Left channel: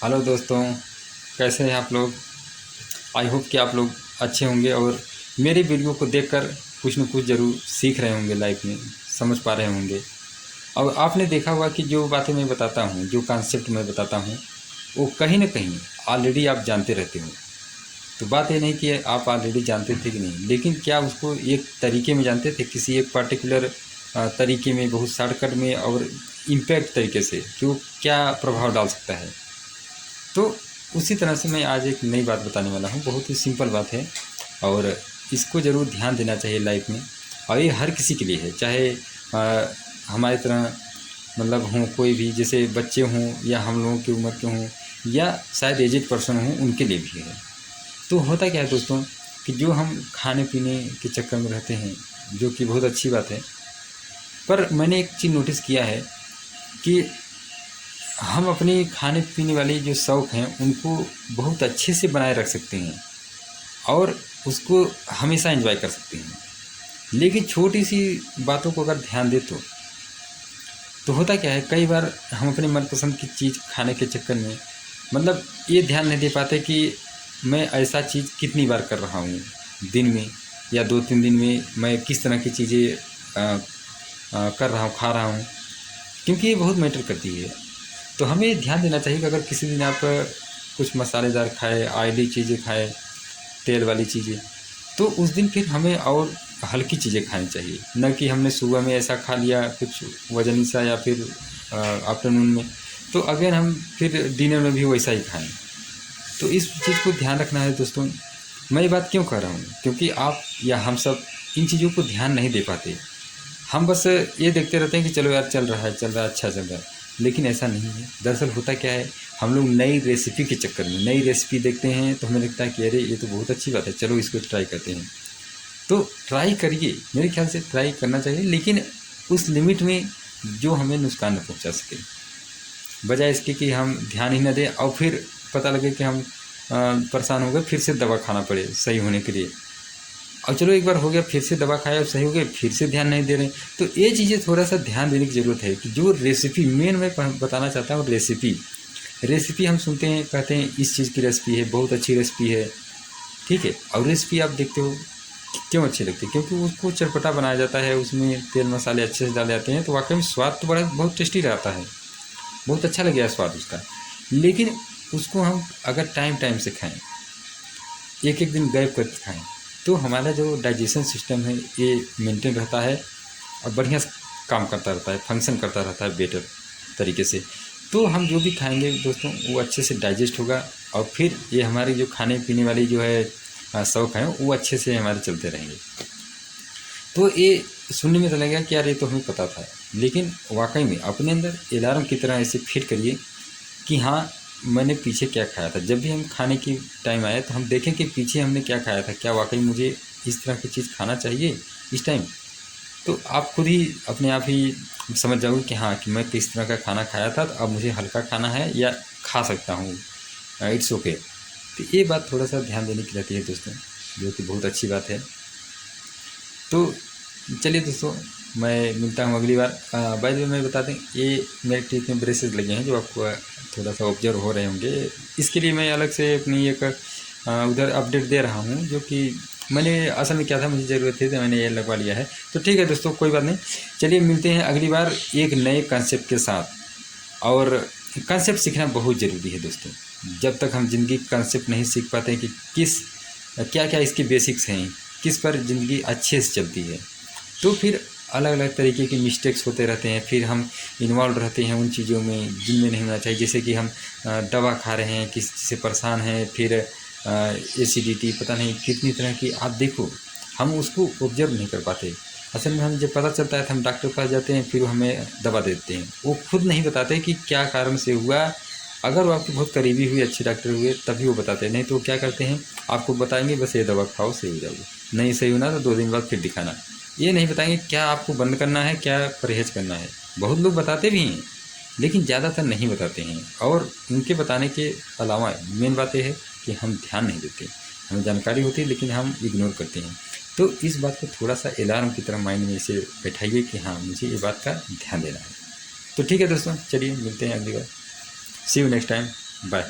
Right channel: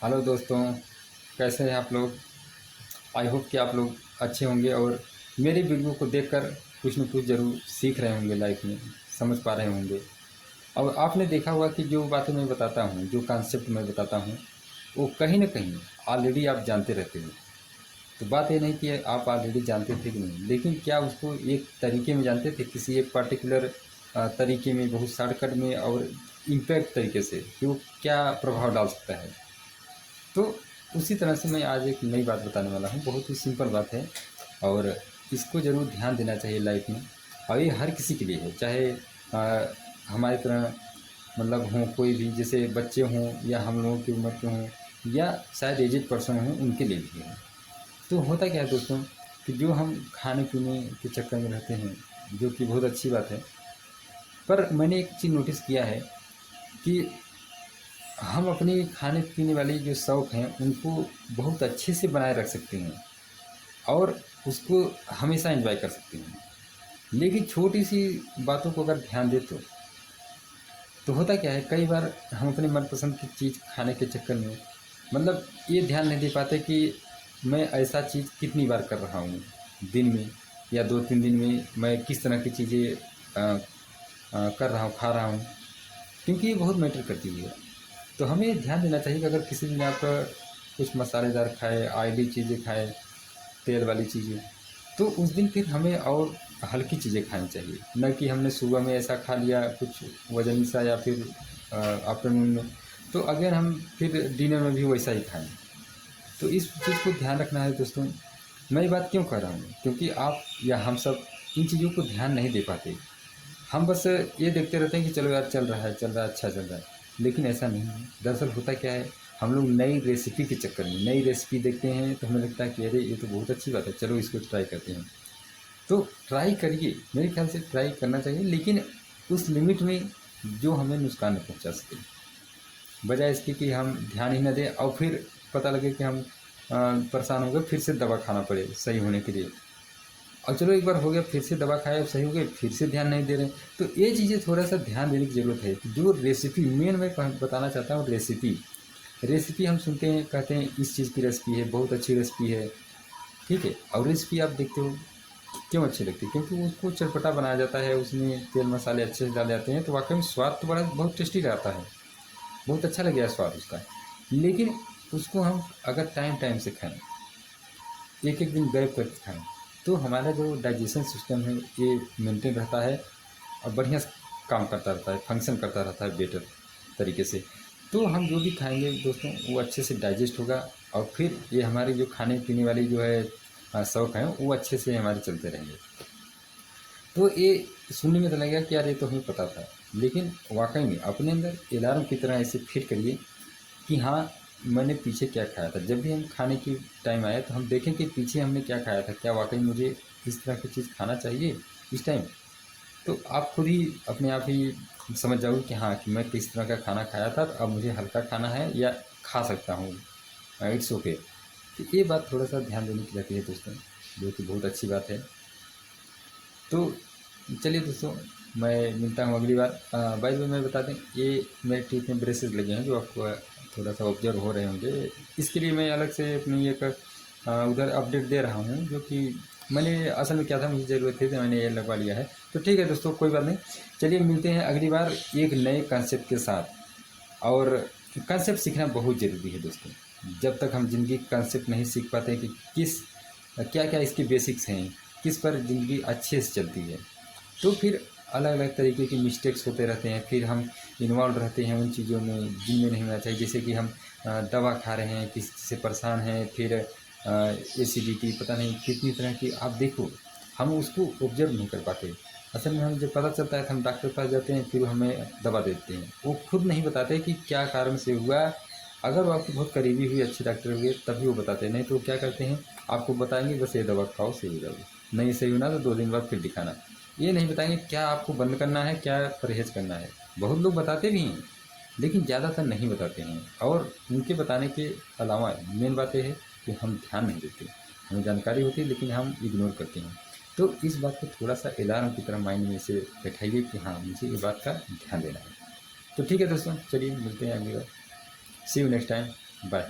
Hello दोस्तों, कैसे हैं आप लोग। आई होप कि आप लोग अच्छे होंगे और मेरी वीडियो को देखकर कुछ न कुछ ज़रूर सीख रहे होंगे, लाइफ में समझ पा रहे होंगे। और आपने देखा होगा कि जो बातें मैं बताता हूँ, जो कॉन्सेप्ट मैं बताता हूँ, वो कहीं न कहीं ऑलरेडी आप जानते रहते हो। तो बात ये नहीं कि आप ऑलरेडी जानते थे कि नहीं, लेकिन क्या उसको एक तरीके में जानते थे, किसी एक पर्टिकुलर तरीके में, बहुत शॉर्टकट में और इम्पैक्ट तरीके से कि वो क्या प्रभाव डाल सकता है। तो उसी तरह से मैं आज एक नई बात बताने वाला हूँ। बहुत ही सिंपल बात है और इसको ज़रूर ध्यान देना चाहिए लाइफ में। और ये हर किसी के लिए है, चाहे हमारी तरह मतलब हों, कोई भी, जैसे बच्चे हों या हम लोगों की उम्र के हों या शायद एजेड पर्सन हों, उनके लिए भी है। तो होता क्या है दोस्तों कि जो हम खाने पीने के चक्कर में रहते हैं, जो कि बहुत अच्छी बात है, पर मैंने एक चीज़ नोटिस किया है कि हम अपने खाने पीने वाले जो शौक़ हैं उनको बहुत अच्छे से बनाए रख सकते हैं और उसको हमेशा एंजॉय कर सकते हैं। लेकिन छोटी सी बातों को अगर ध्यान दे तो होता क्या है, कई बार हम अपने मनपसंद की चीज़ खाने के चक्कर में मतलब ये ध्यान नहीं दे पाते कि मैं ऐसा चीज़ कितनी बार कर रहा हूँ दिन में, या 2-3 दिन में मैं किस तरह की चीज़ें कर रहा हूँ, खा रहा हूँ, क्योंकि ये बहुत मैटर करती है। तो हमें ध्यान देना चाहिए कि अगर किसी दिन आप कुछ मसालेदार खाए, ऑयली चीज़ें खाए, तेल वाली चीज़ें, तो उस दिन फिर हमें और हल्की चीज़ें खानी चाहिए। न कि हमने सुबह में ऐसा खा लिया कुछ वजनी सा, या फिर आफ्टरनून में, तो अगेन हम फिर डिनर में भी वैसा ही खाएं। तो इस चीज़ को ध्यान रखना है दोस्तों। मैं ये बात क्यों कह रहा हूँ, क्योंकि आप या हम सब इन चीज़ों को ध्यान नहीं दे पाते। हम बस ये देखते रहते हैं कि चलो यार, चल रहा है, अच्छा चल रहा है, लेकिन ऐसा नहीं है। दरअसल होता क्या है, हम लोग नई रेसिपी के चक्कर में नई रेसिपी देखते हैं तो हमें लगता है कि अरे ये तो बहुत अच्छी बात है, चलो इसको ट्राई करते हैं। तो ट्राई करिए, मेरे ख्याल से ट्राई करना चाहिए, लेकिन उस लिमिट में जो हमें नुकसान न पहुंचा सके। बजाय इसके कि हम ध्यान ही न दें और फिर पता लगे कि हम परेशान हो गए, फिर से दवा खाना पड़े सही होने के लिए। और चलो एक बार हो गया, फिर से दवा खाया और सही हो गया, फिर से ध्यान नहीं दे रहे। तो ये चीज़ें थोड़ा सा ध्यान देने की ज़रूरत है कि जो रेसिपी मेन मैं बताना चाहता हूँ, रेसिपी हम सुनते हैं, कहते हैं इस चीज़ की रेसिपी है, बहुत अच्छी रेसिपी है, ठीक है। और रेसिपी आप देखते हो क्यों अच्छी लगती है, क्योंकि उसको चटपटा बनाया जाता है, उसमें तेल मसाले अच्छे से डाले जाते हैं, तो वाकई में स्वाद तो बड़ा बहुत टेस्टी रहता है, बहुत अच्छा लगेगा स्वाद उसका। लेकिन उसको हम अगर टाइम टाइम से खाएं, एक एक दिन गैप करके खाएं, तो हमारा जो डाइजेशन सिस्टम है ये मेंटेन रहता है और बढ़िया काम करता रहता है, फंक्शन करता रहता है बेटर तरीके से। तो हम जो भी खाएंगे दोस्तों, वो अच्छे से डाइजेस्ट होगा और फिर ये हमारी जो खाने पीने वाली जो है शौक़ है, वो अच्छे से हमारे चलते रहेंगे। तो ये सुनने में तो लगेगा कि यार ये तो हमें पता था, लेकिन वाकई में अपने अंदर अलार्म की तरह ऐसे फिट करिए कि हाँ, मैंने पीछे क्या खाया था। जब भी हम खाने की टाइम आए तो हम देखें कि पीछे हमने क्या खाया था, क्या वाकई मुझे इस तरह की चीज़ खाना चाहिए इस टाइम। तो आप खुद ही अपने आप ही समझ जाओगे कि हाँ, कि मैं किस तरह का खाना खाया था, तो अब मुझे हल्का खाना है या खा सकता हूँ, इट्स ओके। तो ये बात थोड़ा सा ध्यान देने की रहती है दोस्तों, जो कि बहुत अच्छी बात है। तो चलिए दोस्तों, मैं मिलता हूँ अगली बार। बाय द वे मैं बता दें, ये मेरे टीथ में ब्रेसेस लगे हैं, जो आपको थोड़ा सा ऑब्जर्व हो रहे होंगे। इसके लिए मैं अलग से अपनी एक उधर अपडेट दे रहा हूँ, जो कि मैंने असल में क्या था, मुझे ज़रूरत थी तो मैंने ये लगवा लिया है। तो ठीक है दोस्तों, कोई बात नहीं। चलिए मिलते हैं अगली बार एक नए कंसेप्ट के साथ। और कंसेप्ट सीखना बहुत ज़रूरी है दोस्तों। जब तक हम ज़िंदगी कंसेप्ट नहीं सीख पाते कि क्या क्या इसके बेसिक्स हैं, किस पर ज़िंदगी अच्छे से चलती है, तो फिर अलग अलग तरीके के मिस्टेक्स होते रहते हैं। फिर हम इन्वॉल्व रहते हैं उन चीज़ों में जिनमें नहीं होना चाहिए। जैसे कि हम दवा खा रहे हैं, किसी से परेशान हैं, फिर एसिडिटी, पता नहीं कितनी तरह की, आप देखो हम उसको ऑब्जर्व नहीं कर पाते। असल में हम जब पता चलता है तो हम डॉक्टर के पास जाते हैं, फिर वो हमें दवा देते हैं। वो खुद नहीं बताते कि क्या कारण से हुआ। अगर वो आपके बहुत करीबी हुए, अच्छे डॉक्टर हुए, तभी वो बताते हैं। नहीं तो क्या करते हैं, आपको बताएंगे बस ये दवा खाओ सही हो जाओगे, नहीं सही होना तो 2 दिन बाद फिर दिखाना। ये नहीं बताएंगे क्या आपको बंद करना है, क्या परहेज़ करना है। बहुत लोग बताते भी हैं, लेकिन ज़्यादातर नहीं बताते हैं। और उनके बताने के अलावा मेन बात यह है कि हम ध्यान नहीं देते। हमें जानकारी होती है लेकिन हम इग्नोर करते हैं। तो इस बात को थोड़ा सा अलार्म की तरह माइंड में इसे बैठाइए कि हाँ, मुझे ये बात का ध्यान देना है। तो ठीक है दोस्तों, चलिए मिलते हैं अगली बार। सी यू नेक्स्ट टाइम। बाय।